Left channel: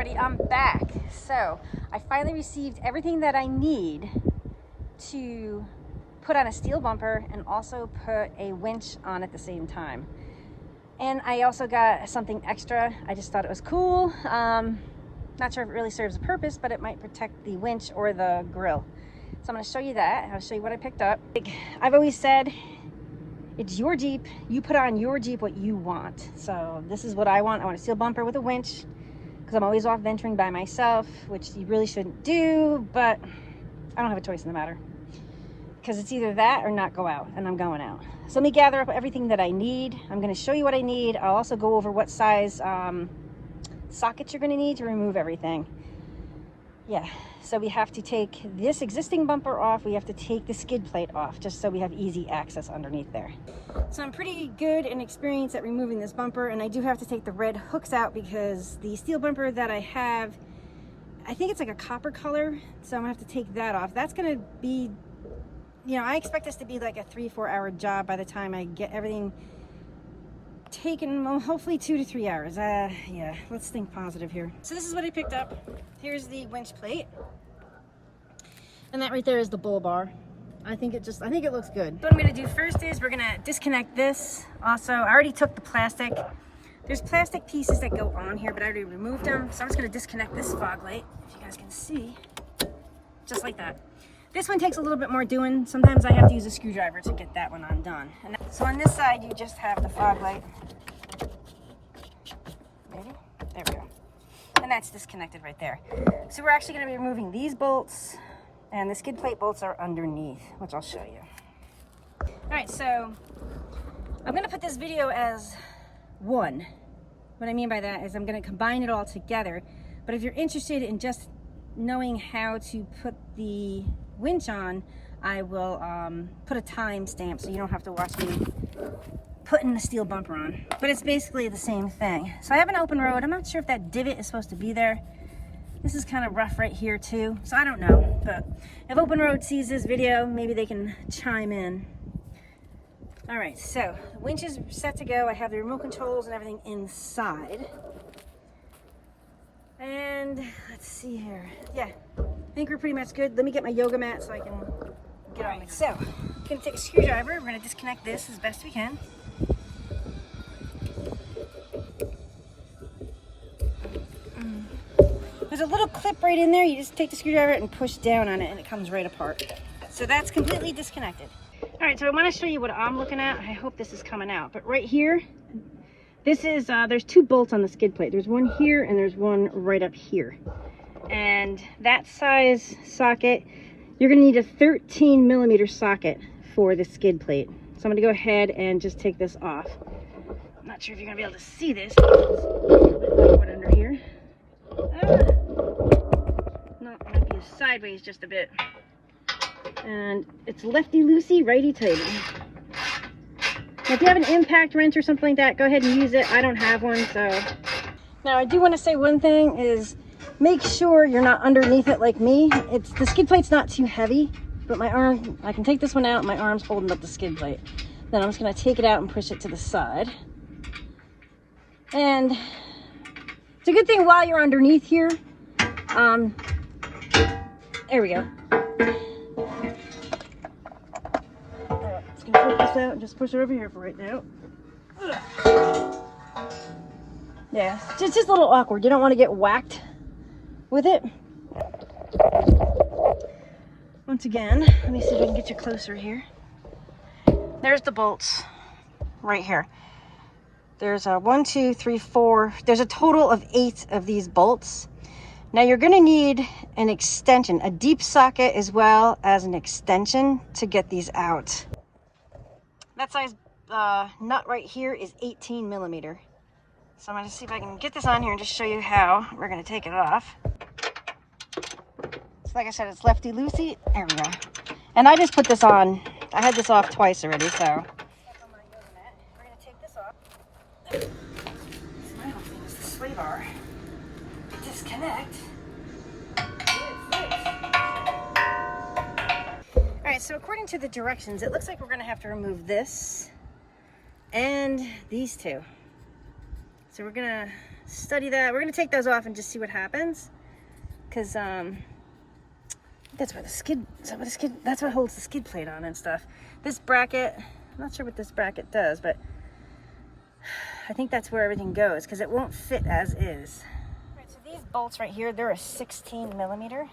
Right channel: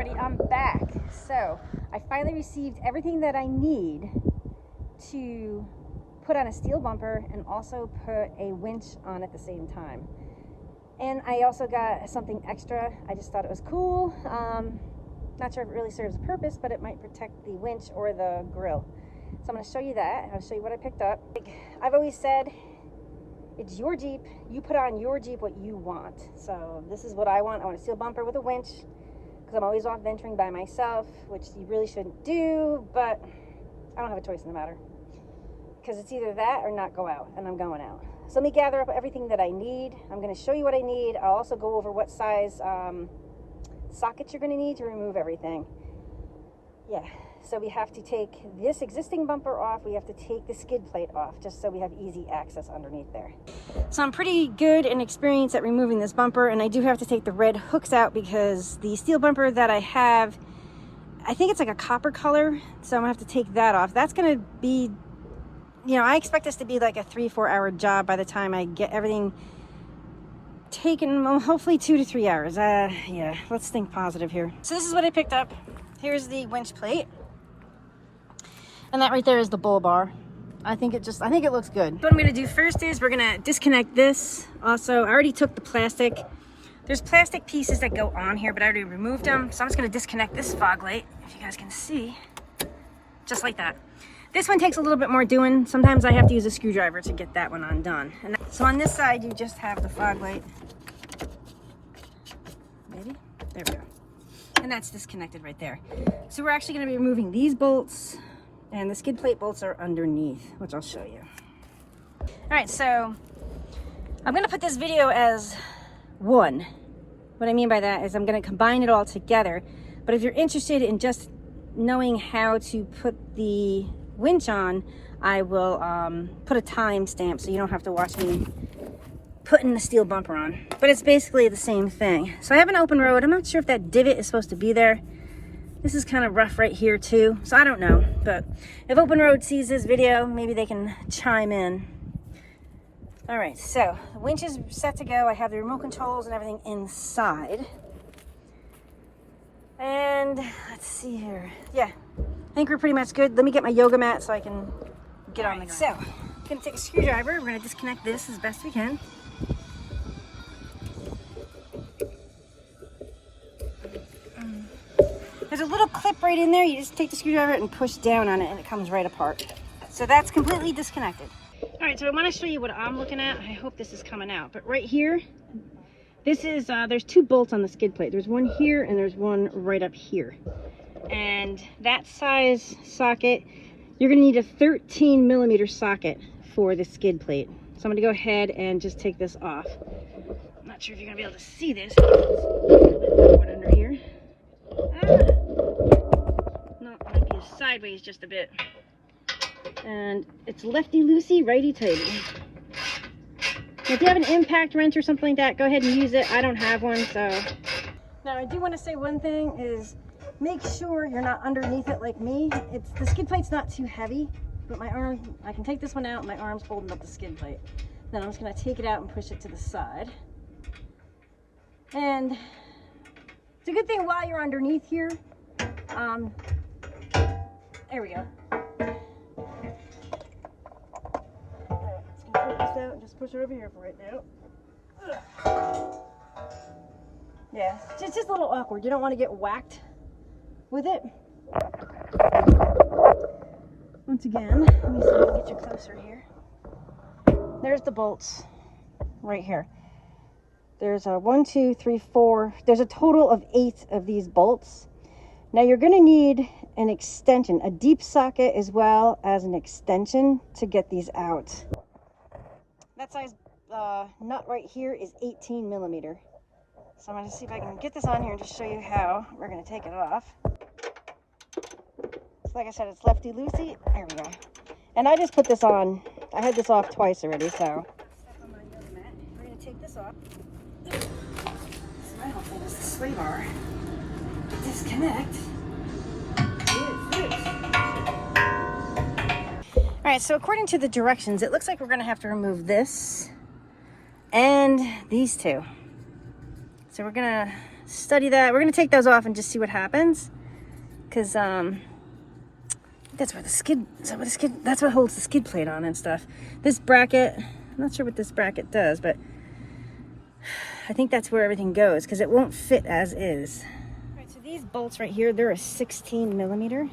everybody, I'm back. So I finally received everything that I need to put on a steel bumper and also put a winch on at the same time. And I also got something extra. I just thought it was cool. Not sure if it really serves a purpose, but it might protect the winch or the grill. So I'm going to show you that. I'll show you what I picked up. I've always said, it's your Jeep. You put on your Jeep what you want. So this is what I want. I want a steel bumper with a winch because I'm always off venturing by myself, which you really shouldn't do, but I don't have a choice in the matter because it's either that or not go out, and I'm going out. So let me gather up everything that I need. I'm going to show you what I need. I'll also go over what size sockets you're going to need to remove everything. Yeah, so we have to take this existing bumper off. We have to take the skid plate off just so we have easy access underneath there. So I'm pretty good and experienced at removing this bumper, and I do have to take the red hooks out because the steel bumper that I have, I think it's like a copper color, so I'm gonna have to take that off. That's gonna be, you know, I expect this to be like a 3-4 hour job by the time I get everything taken, well, hopefully 2 to 3 hours. Yeah, let's think positive here. So this is what I picked up. Here's the winch plate. And that right there is the bull bar. I think it looks good. What I'm gonna do first is we're gonna disconnect this. Also, I already took the plastic. There's plastic pieces that go on here, but I already removed them. So I'm just gonna disconnect this fog light, if you guys can see, just like that. This one takes a little bit more doing. Sometimes I have to use a screwdriver to get that one undone. And so on this side, you just have the fog light. Maybe? There we go. And that's disconnected right there. So we're actually gonna be removing these bolts, and the skid plate bolts are underneath, which I'll show you. All right, so I'm gonna put this video as one. What I mean by that is I'm gonna combine it all together. But if you're interested in just knowing how to put the winch on, I will put a time stamp so you don't have to watch me putting the steel bumper on. But it's basically the same thing. So I have an open road. I'm not sure if that divot is supposed to be there. This is kind of rough right here too, so I don't know. But if Open Road sees this video, maybe they can chime in. All right, so the winch is set to go. I have the remote controls and everything inside. And let's see here. Yeah, I think we're pretty much good. Let me get my yoga mat so I can get on the ground. So, I'm gonna take a screwdriver. We're gonna disconnect this as best we can. There's a little clip right in there. You just take the screwdriver and push down on it and it comes right apart. So that's completely disconnected. All right, so I want to show you what I'm looking at. I hope this is coming out. But right here, this is, there's 2 bolts on the skid plate. There's one here and there's one right up here. And that size socket, you're gonna need a 13 millimeter socket for the skid plate. So I'm gonna go ahead and just take this off. I'm not sure if you're gonna be able to see this. Put it under here. No, it might be sideways just a bit. And it's lefty-loosey, righty-tighty. If you have an impact wrench or something like that, go ahead and use it. I don't have one, so. Now, I do want to say one thing is make sure you're not underneath it like me. The skid plate's not too heavy, but my arm, I can take this one out, my arm's holding up the skid plate. Then I'm just going to take it out and push it to the side. And it's a good thing while you're underneath here. There we go. Just gonna flip this out and just push it over here for right now. Yeah, it's just a little awkward. You don't want to get whacked with it. Once again, let me see if I can get you closer here. There's the bolts right here. There's 1, 2, 3, 4. There's a total of 8 of these bolts. Now you're going to need an extension, a deep socket as well as an extension to get these out. That size nut right here is 18 millimeter. So I'm going to see if I can get this on here and just show you how we're going to take it off. So like I said, it's lefty-loosey. There we go. And I just put this on. I had this off twice already, so. On my yoga mat. We're going to take this off. My whole thing is the sway bar. Disconnect. All right, so according to the directions, it looks like we're going to have to remove this and these two. So we're going to study that. We're gonna take those off and just see what happens, because that's where the skid, that's what holds the skid plate on and stuff. This bracket, I'm not sure what this bracket does, but I think that's where everything goes, because it won't fit as is. All right, so these bolts right here, they're a 16 millimeter.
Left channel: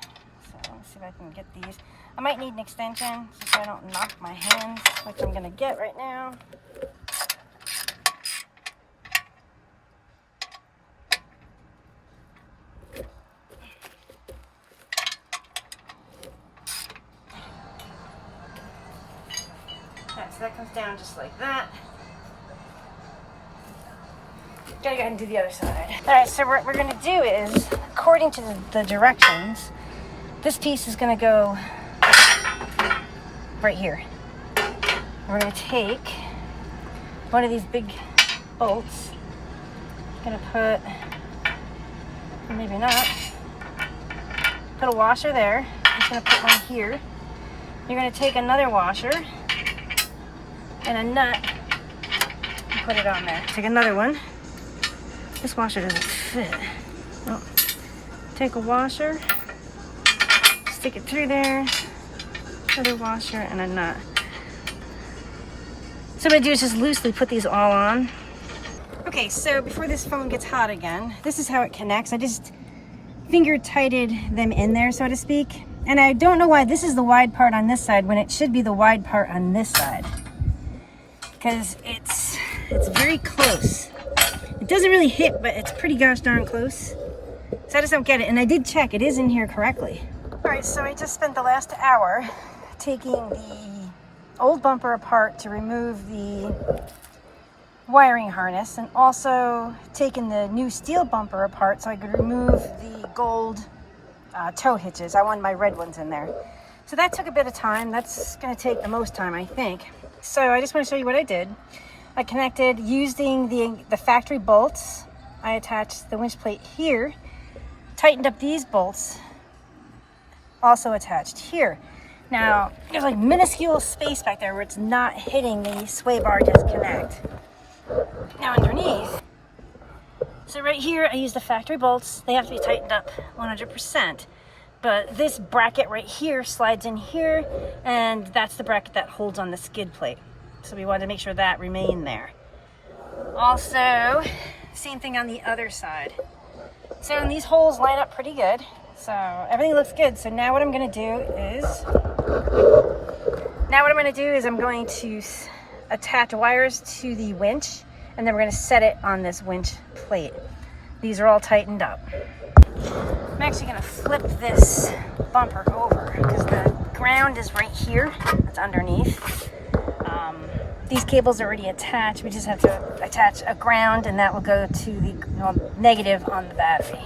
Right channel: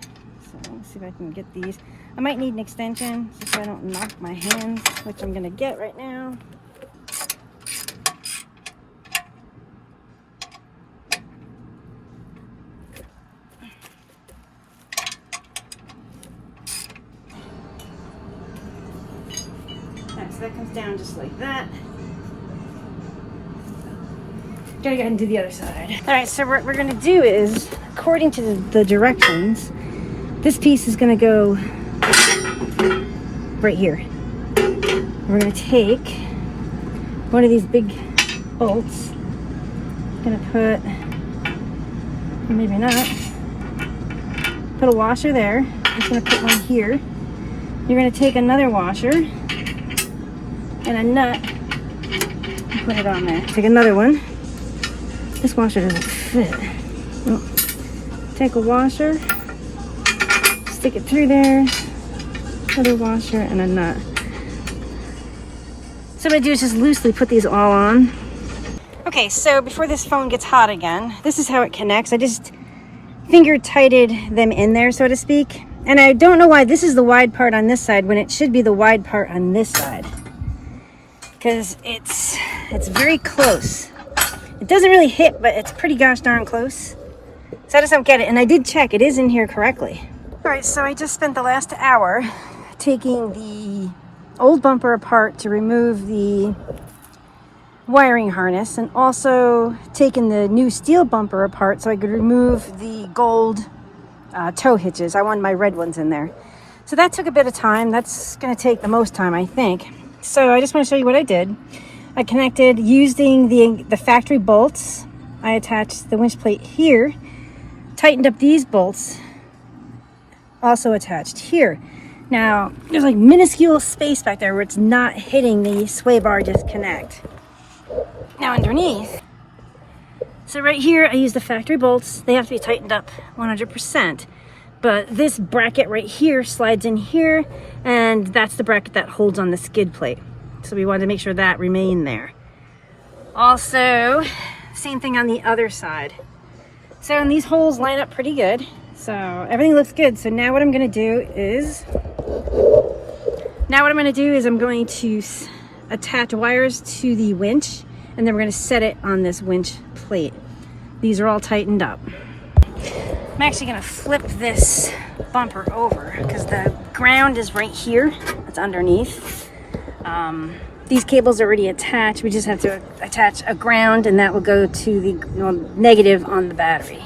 So let's see if I can get these. I might need an extension just so I don't knock my hands, which I'm gonna get right now. So that comes down just like that. Gotta go ahead and do the other side. All right, so what we're gonna do is, according to the directions, this piece is gonna go right here. We're gonna take one of these big bolts. Gonna put, maybe not, put a washer there. I'm just gonna put one here. You're gonna take another washer and a nut and put it on there. Take another one. This washer doesn't fit. Well, take a washer, stick it through there, another washer and a nut. So what I do is just loosely put these all on. Okay, so before this phone gets hot again, this is how it connects. I just finger tighted them in there, so to speak. And I don't know why this is the wide part on this side when it should be the wide part on this side. Because it's very close. It doesn't really hit, but it's pretty gosh darn close. So I just don't get it. And I did check, it is in here correctly. All right, so I just spent the last hour taking the old bumper apart to remove the wiring harness, and also taking the new steel bumper apart so I could remove the gold tow hitches. I wanted my red ones in there. So that took a bit of time. That's gonna take the most time, I think. So I just want to show you what I did. I connected using the factory bolts. I attached the winch plate here, tightened up these bolts, also attached here. Now, there's like minuscule space back there where it's not hitting the sway bar disconnect. Now underneath, so right here I use the factory bolts. They have to be tightened up 100%. But this bracket right here slides in here, and that's the bracket that holds on the skid plate. So we wanted to make sure that remained there. Also, same thing on the other side. So, and these holes line up pretty good. So everything looks good. So now what I'm gonna do is, I'm going to attach wires to the winch, and then we're gonna set it on this winch plate. These are all tightened up. I'm actually gonna flip this bumper over because the ground is right here. It's underneath. These cables are already attached. We just have to attach a ground, and that will go to the negative on the battery.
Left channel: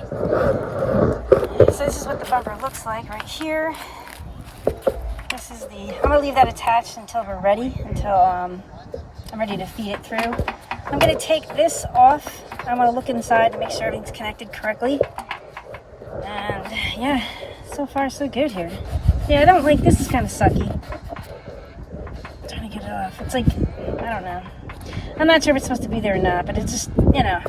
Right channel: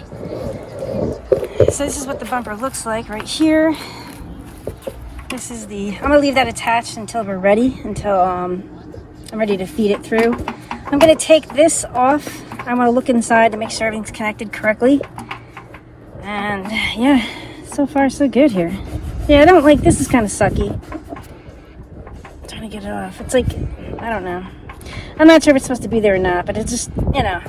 So this is what the bumper looks like right here. This is I'm gonna leave that attached until we're ready, until I'm ready to feed it through. I'm gonna take this off. I wanna look inside to make sure everything's connected correctly. And yeah, so far so good here. Yeah, I don't like, this is kind of sucky. I'm trying to get it off. It's like, I don't know. I'm not sure if it's supposed to be there or not, but it's just, you know.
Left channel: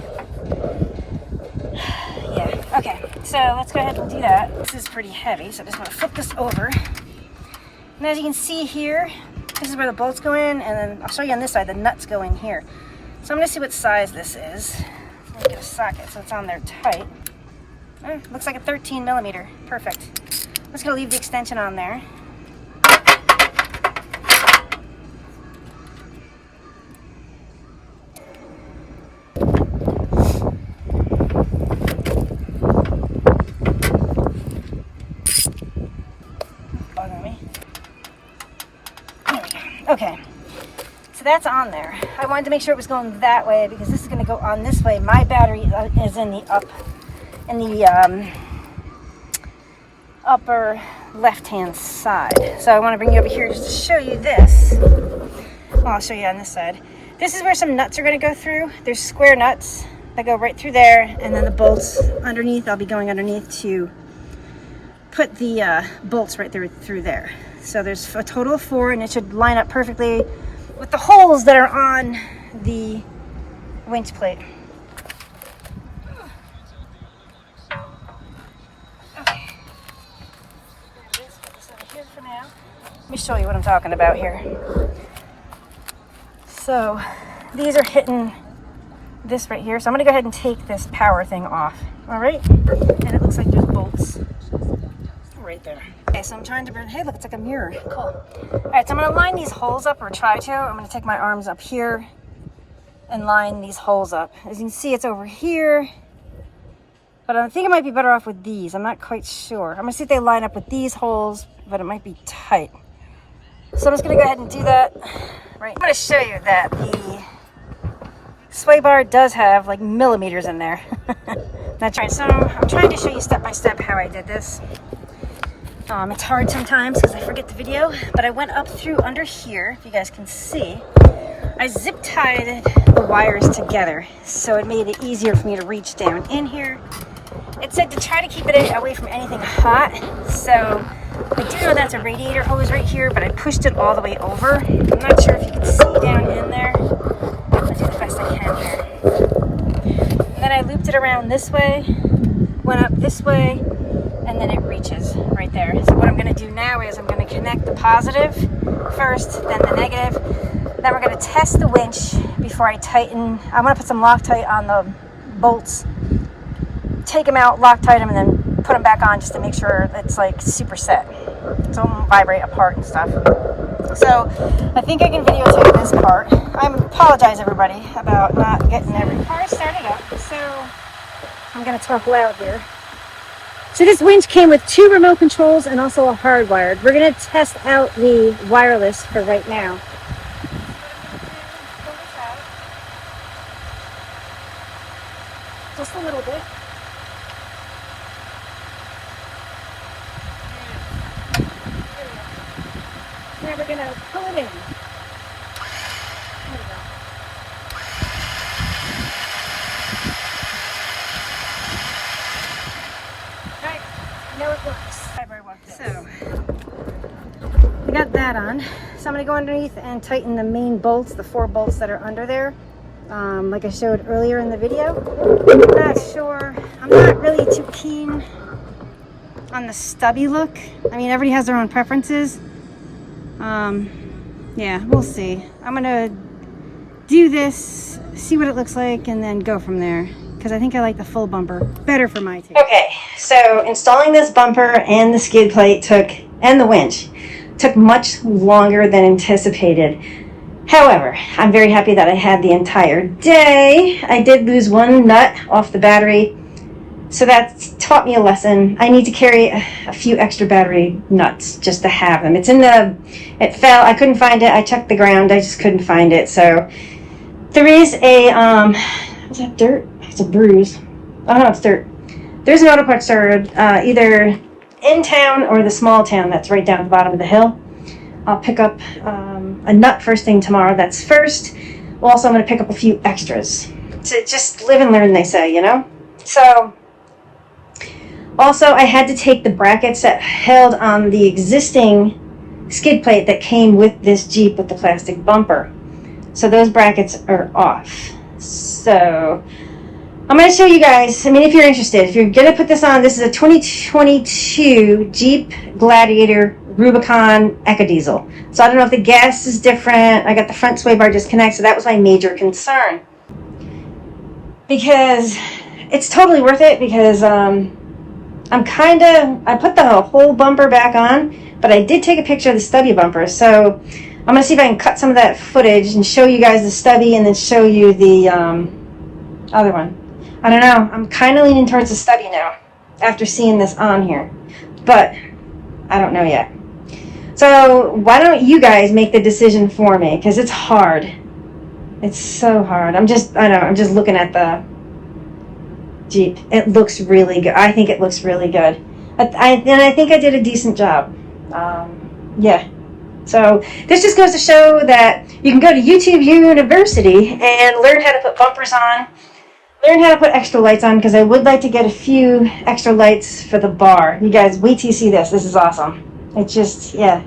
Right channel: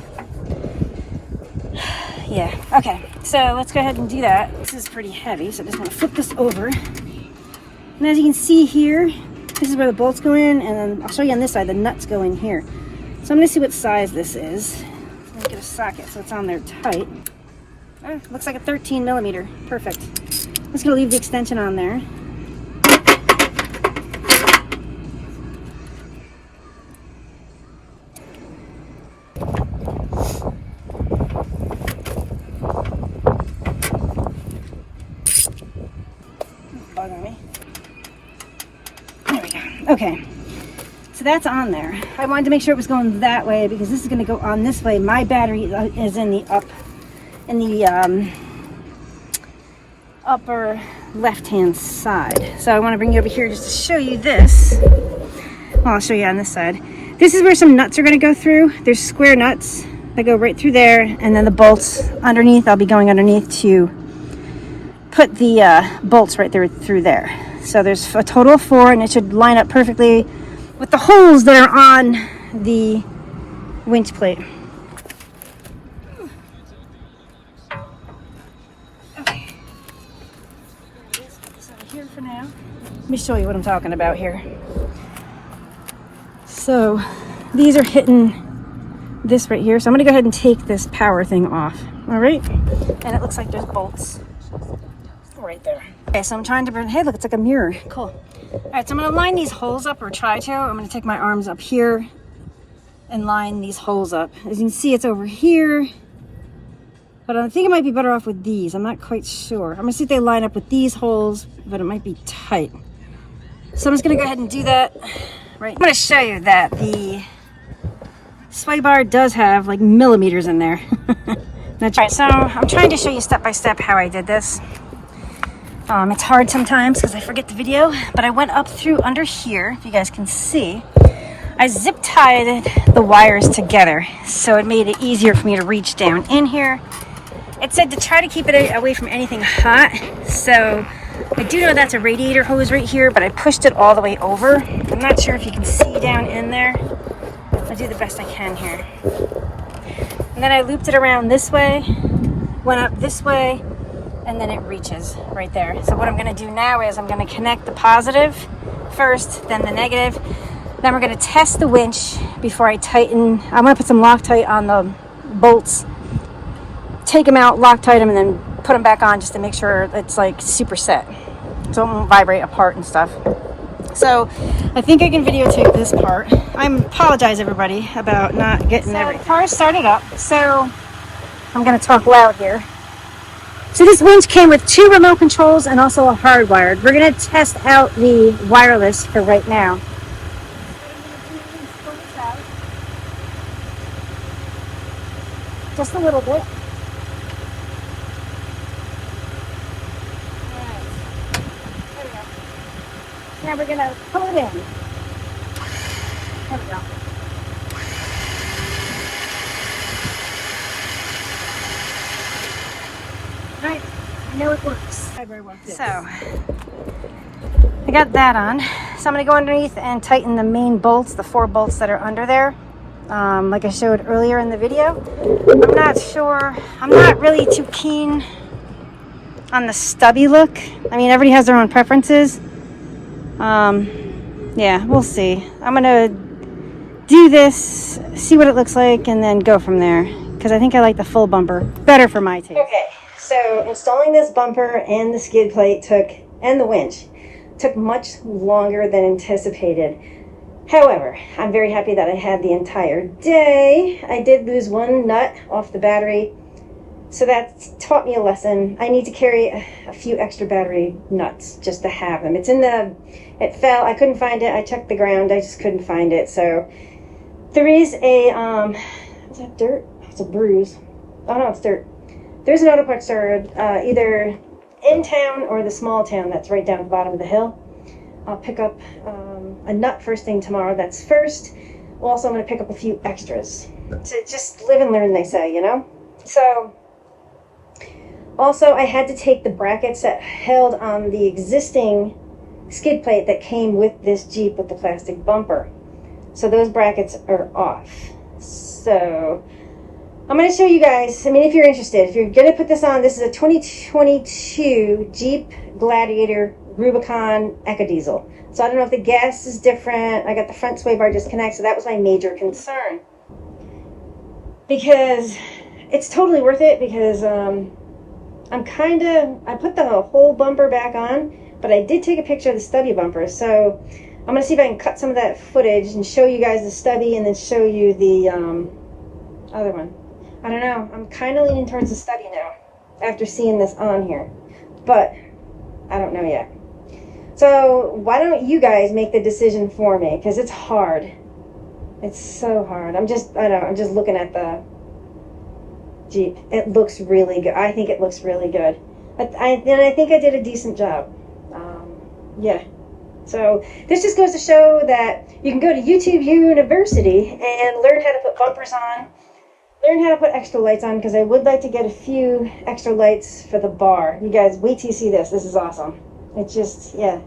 Yeah, okay. So let's go ahead and do that. This is pretty heavy, so I'm just gonna flip this over. And as you can see here, this is where the bolts go in, and then I'll show you on this side, the nuts go in here. So I'm gonna see what size this is. I'm gonna get a socket so it's on there tight. Looks like a 13 millimeter. Perfect. I'm just gonna leave the extension on there. There we go. Okay. So that's on there. I wanted to make sure it was going that way because this is going to go on this way. My battery is in the upper left-hand side. So I want to bring you over here just to show you this. Well, I'll show you on this side. This is where some nuts are going to go through. There's square nuts that go right through there, and then the bolts underneath. I'll be going underneath to put the bolts right there through there. So there's a total of 4, and it should line up perfectly with the holes that are on the winch plate. here's for now. Let me show you what I'm talking about here. So these are hitting this right here. So I'm gonna go ahead and take this power thing off. All right. And it looks like there's bolts right there. Okay, so I'm trying to, hey, look, it's like a mirror. Cool. All right, so I'm gonna line these holes up, or try to. I'm gonna take my arms up here and line these holes up. As you can see, it's over here. But I think it might be better off with these. I'm not quite sure. I'm gonna see if they line up with these holes, but it might be tight. So I'm just gonna go ahead and do that. Right. I'm gonna show you that the sway bar does have like millimeters in there. That's right. So I'm trying to show you step by step how I did this. It's hard sometimes because I forget the video, but I went up through under here, if you guys can see. I zip tied the wires together, so it made it easier for me to reach down in here. It said to try to keep it away from anything hot, so I do know that's a radiator hose right here, but I pushed it all the way over. I'm not sure if you can see down in there. I'll do the best I can here. And then I looped it around this way, went up this way, and then it reaches right there. So what I'm gonna do now is I'm gonna connect the positive first, then the negative. Then we're gonna test the winch before I tighten. I'm gonna put some Loctite on the bolts, take them out, Loctite them, and then put them back on just to make sure it's like super set, so it won't vibrate apart and stuff. So I think I can videotape this part. I apologize everybody about not getting every car started up. So I'm gonna talk loud here. So this winch came with 2 remote controls and also a hardwired. We're gonna test out the wireless for right now. Just a little bit. Now we're gonna pull it in. There we go. Right, I know it works. So, I got that on. So I'm gonna go underneath and tighten the main bolts, the 4 bolts that are under there. Like I showed earlier in the video. I'm not sure, I'm not really too keen on the stubby look. I mean, everybody has their own preferences. Yeah, we'll see. I'm gonna do this, see what it looks like, and then go from there. Because I think I like the full bumper better for my taste. Okay, so installing this bumper and the skid plate and the winch took much longer than anticipated. However, I'm very happy that I had the entire day. I did lose 1 nut off the battery, so that taught me a lesson. I need to carry a few extra battery nuts just to have them. It fell, I couldn't find it. I checked the ground, I just couldn't find it. So there is a, is that dirt? It's a bruise. Oh no, it's dirt. There's an auto parts store either in town or the small town that's right down at the bottom of the hill. I'll pick up a nut first thing tomorrow. That's first. Also, I'm going to pick up a few extras to just live and learn, they say, you know? So, also, I had to take the brackets that held on the existing skid plate that came with this Jeep with the plastic bumper. So those brackets are off. So I'm going to show you guys, I mean, if you're interested, if you're going to put this on, this is a 2022 Jeep Gladiator Rubicon EcoDiesel. So I don't know if the gas is different. I got the front sway bar disconnect, so that was my major concern. Because it's totally worth it, because I put the whole bumper back on, but I did take a picture of the stubby bumper. So I'm going to see if I can cut some of that footage and show you guys the stubby and then show you the other one. I don't know. I'm kind of leaning towards the stubby now after seeing this on here. But I don't know yet. So why don't you guys make the decision for me? Because it's hard. It's so hard. I'm just looking at the Jeep. It looks really good. I think it looks really good. And I think I did a decent job. Yeah. So this just goes to show that you can go to YouTube University and learn how to put bumpers on, learn how to put extra lights on, because I would like to get a few extra lights for the bar. You guys, wait till you see this. This is awesome. It just, yeah.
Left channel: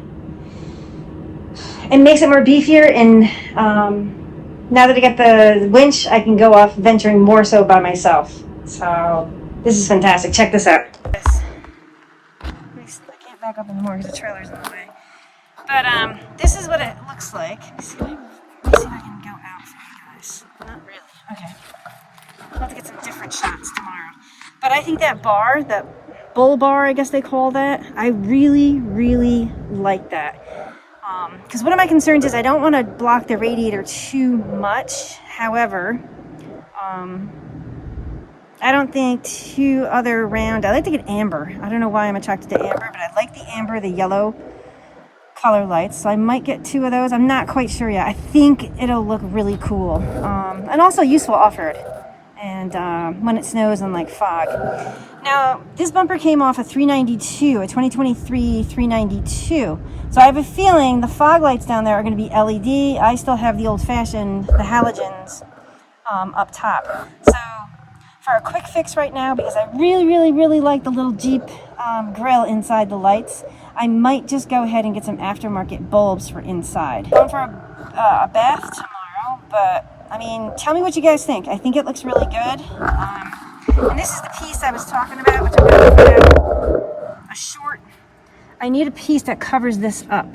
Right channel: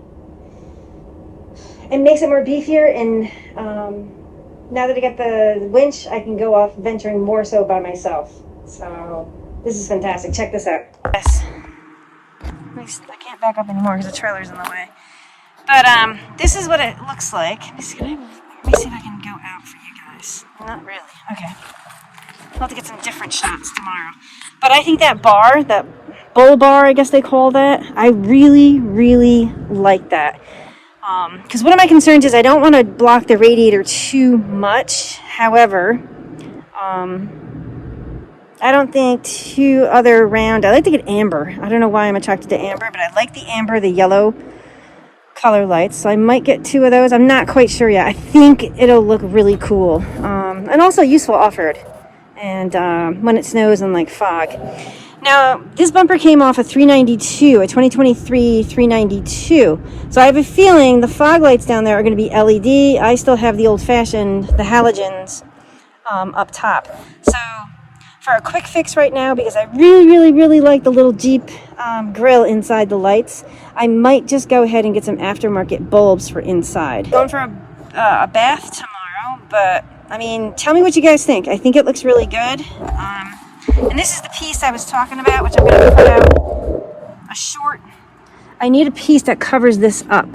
It makes it more beefier, and now that I got the winch, I can go off venturing more so by myself. So this is fantastic. Check this out. Yes. I can't back up anymore because the trailer's in the way. But this is what it looks like. Let me see if I can go out for you guys. Not really. Okay. I'll have to get some different shots tomorrow. But I think that bar, that bull bar, I guess they call that, I really, really like that. Because one of my concerns is I don't want to block the radiator too much. However, I don't think two other round. I like to get amber. I don't know why I'm attracted to amber, but I like the amber, the yellow color lights. So I might get two of those. I'm not quite sure yet. I think it'll look really cool. And also useful off-road. And when it snows and like fog. Now, this bumper came off a 392, a 2023 392. So I have a feeling the fog lights down there are going to be LED. I still have the old-fashioned, the halogens up top. So for a quick fix right now, because I really, really, really like the little Jeep grill inside the lights, I might just go ahead and get some aftermarket bulbs for inside. Going for a bath tomorrow, but I mean, tell me what you guys think. I think it looks really good. And this is the piece I was talking about, which I'm going to put out a short. I need a piece that covers this up.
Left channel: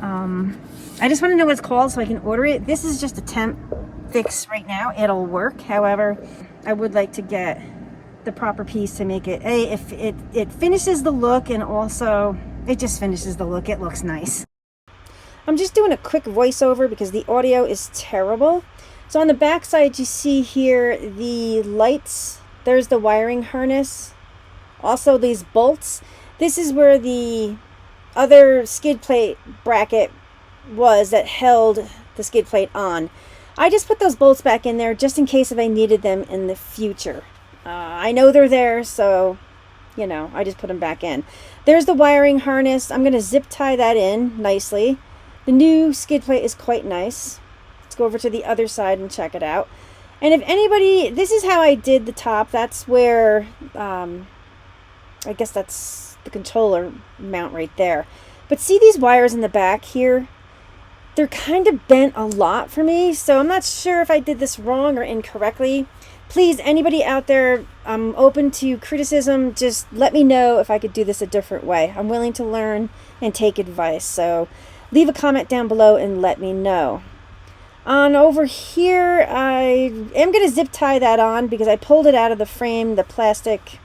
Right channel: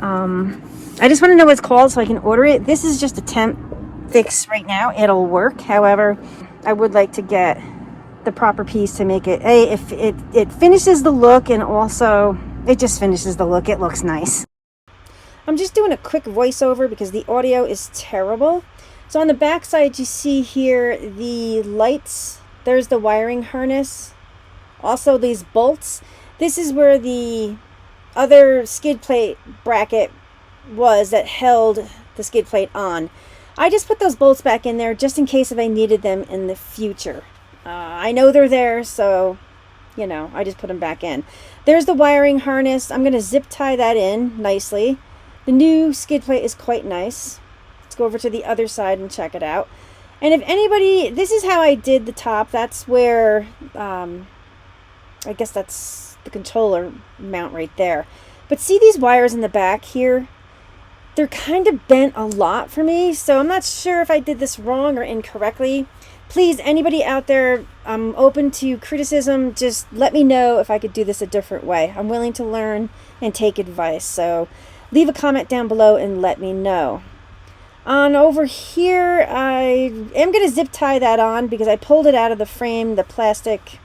I just want to know what it's called so I can order it. This is just a temp fix right now. It'll work. However, I would like to get the proper piece to make it, if it finishes the look, and also it just finishes the look. It looks nice. I'm just doing a quick voiceover because the audio is terrible. So on the back side, you see here the lights. There's the wiring harness. Also these bolts. This is where the other skid plate bracket was that held the skid plate on. I just put those bolts back in there just in case if I needed them in the future. I know they're there, so, you know, I just put them back in. There's the wiring harness. I'm going to zip tie that in nicely. The new skid plate is quite nice. Let's go over to the other side and check it out. And if anybody, this is how I did the top. That's where, I guess that's the controller mount right there. But see these wires in the back here? They're kind of bent a lot for me, so I'm not sure if I did this wrong or incorrectly. Please, anybody out there, I'm open to criticism. Just let me know if I could do this a different way. I'm willing to learn and take advice. So leave a comment down below and let me know. On over here, I am going to zip tie that on because I pulled it out of the frame, the plastic,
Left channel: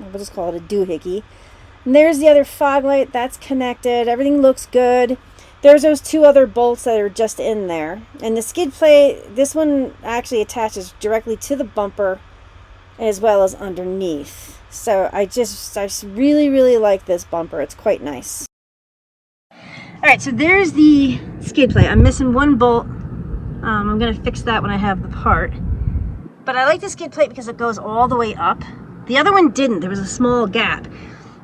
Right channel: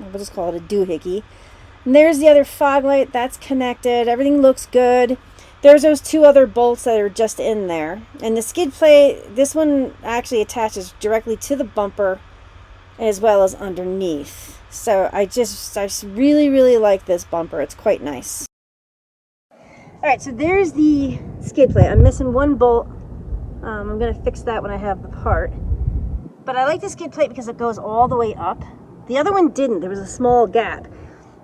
we'll just call it a doohickey. And there's the other fog light. That's connected. Everything looks good. There's those two other bolts that are just in there. And the skid plate, this one actually attaches directly to the bumper as well as underneath. So I really, really like this bumper. It's quite nice. Alright, so there's the skid plate. I'm missing one bolt. I'm going to fix that when I have the part. But I like the skid plate because it goes all the way up. The other one didn't. There was a small gap.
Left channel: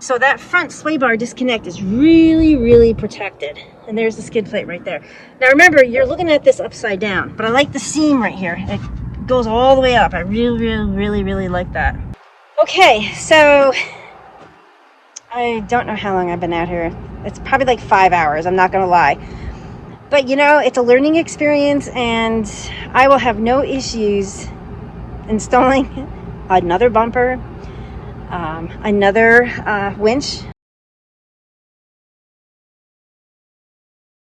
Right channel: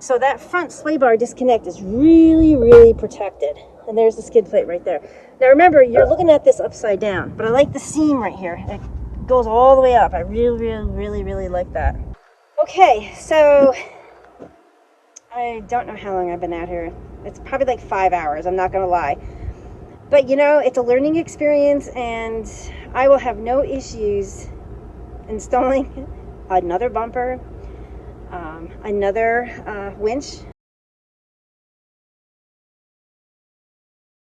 So that front sway bar disconnect is really, really protected. And there's the skid plate right there. Now remember, you're looking at this upside down, but I like the seam right here. It goes all the way up. I really, really, really, really like that. Okay, so I don't know how long I've been out here. It's probably like 5 hours, I'm not gonna lie. But you know, it's a learning experience and I will have no issues installing another bumper, another winch